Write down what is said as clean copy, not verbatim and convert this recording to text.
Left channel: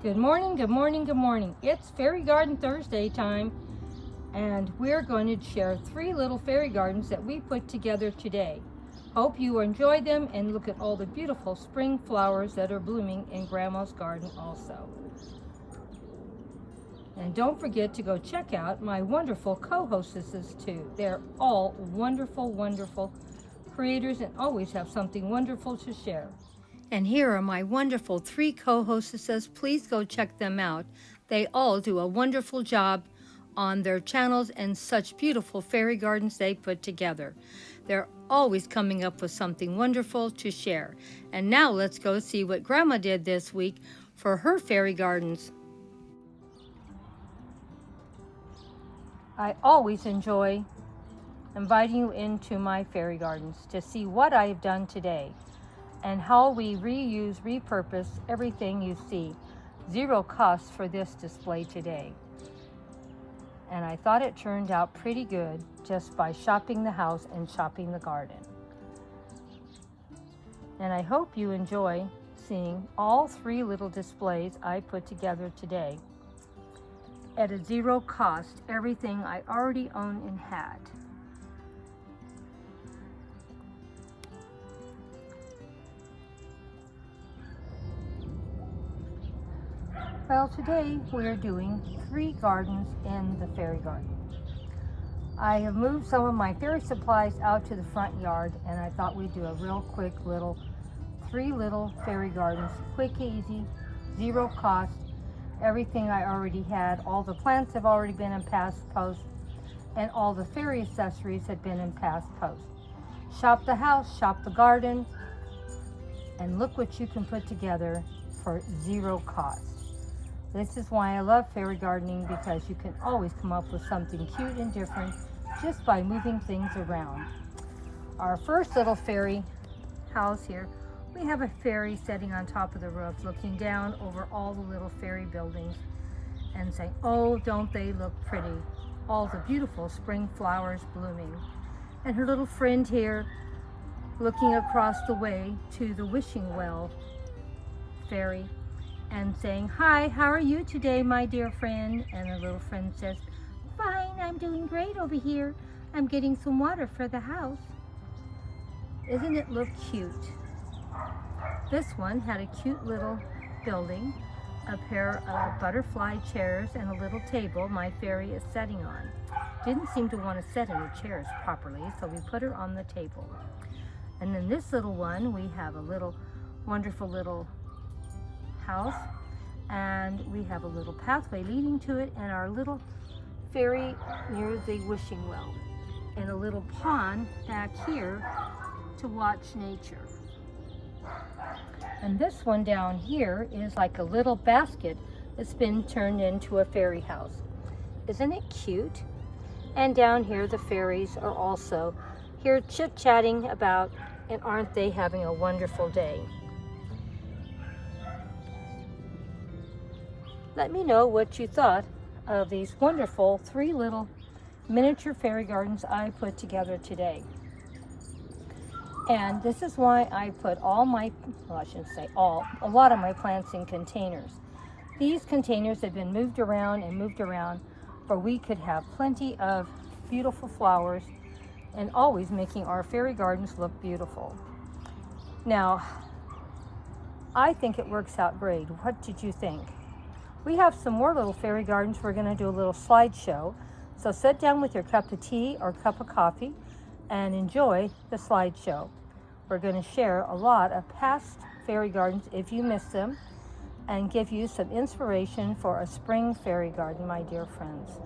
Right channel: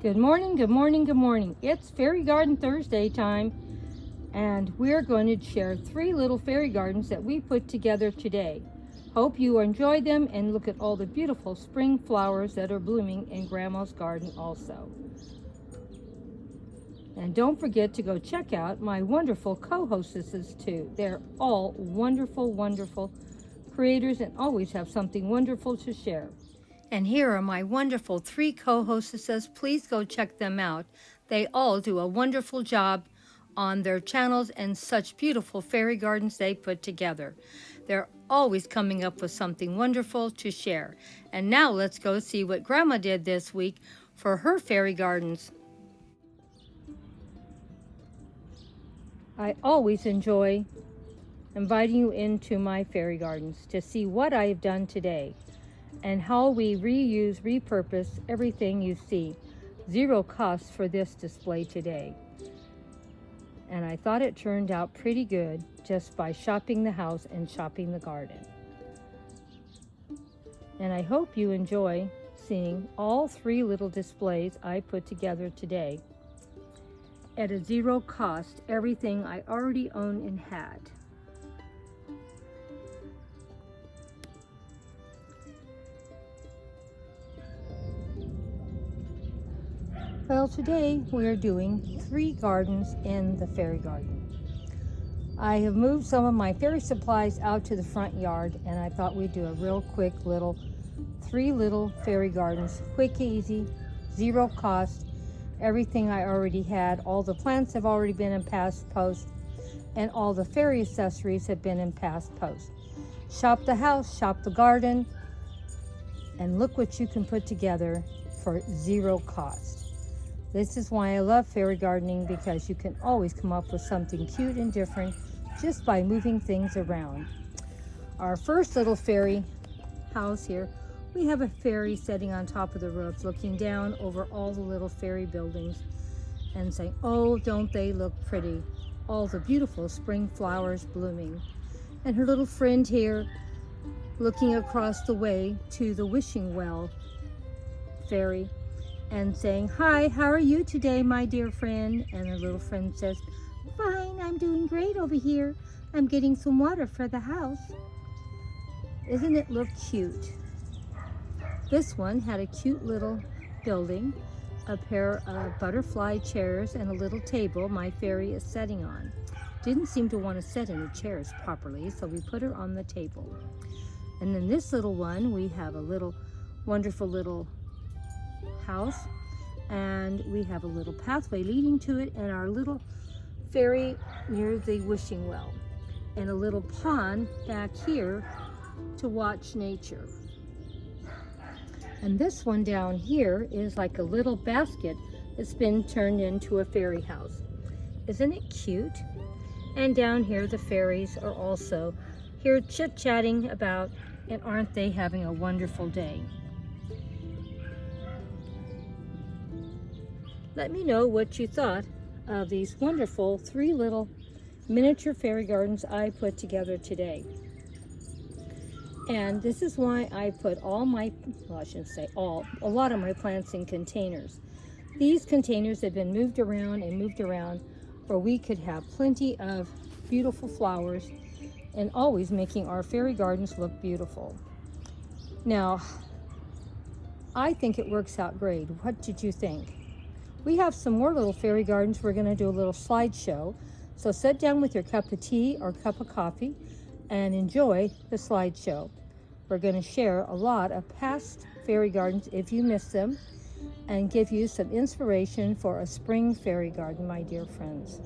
Good morning, good morning, good morning. It's Fairy Garden Thursday time, and we're going to share 3 little fairy gardens that we put together today. Hope you enjoy them and look at all the beautiful spring flowers that are blooming in Grandma's garden also. And don't forget to go check out my wonderful co-hostesses too. They're all wonderful, wonderful creators and always have something wonderful to share. And here are my wonderful 3 co-hostesses. Please go check them out. They all do a wonderful job on their channels and such beautiful fairy gardens they put together. They're always coming up with something wonderful to share. And now let's go see what Grandma did this week for her fairy gardens. I always enjoy inviting you into my fairy gardens to see what I have done today and how we reuse, repurpose everything you see. Zero cost for this display today. And I thought it turned out pretty good just by shopping the house and shopping the garden. And I hope you enjoy seeing all 3 little displays I put together today at a zero cost, everything I already own and had. Well, today we're doing 3 gardens in the fairy garden. I have moved some of my fairy supplies out to the front yard, and I thought we'd do a real quick little 3 little fairy gardens, quick, easy, zero cost, everything I already had. All the plants have already been in past posts, and all the fairy accessories have been in past posts. Shop the house, shop the garden, and look what you can put together for zero cost. This is why I love fairy gardening, because you can always come up with something cute and different just by moving things around. Our first little fairy house here, we have a fairy sitting on top of the roof looking down over all the little fairy buildings and saying, "Oh, don't they look pretty? All the beautiful spring flowers blooming." And her little friend here looking across the way to the wishing well fairy and saying, "Hi, how are you today, my dear friend?" And her little friend says, "Fine, I'm doing great over here. I'm getting some water for the house." Isn't it look cute? This one had a cute little building, a pair of butterfly chairs and a little table my fairy is sitting on. Didn't seem to want to sit in the chairs properly, so we put her on the table. And then this little one, we have a little wonderful little house, and we have a little pathway leading to it, and our little fairy near the wishing well, and a little pond back here to watch nature. And this one down here is like a little basket that's been turned into a fairy house. Isn't it cute? And down here the fairies are also here chit-chatting about, and aren't they having a wonderful day? Let me know what you thought of these wonderful 3 little miniature fairy gardens I put together today. And this is why I put all my, well, I shouldn't say all, a lot of my plants in containers. These containers have been moved around and moved around where we could have plenty of beautiful flowers and always making our fairy gardens look beautiful. Now, I think it works out great. What did you think? We have some more little fairy gardens. We're going to do a little slideshow. So sit down with your cup of tea or cup of coffee and enjoy the slideshow. We're going to share a lot of past fairy gardens if you missed them, and give you some inspiration for a spring fairy garden, my dear friends.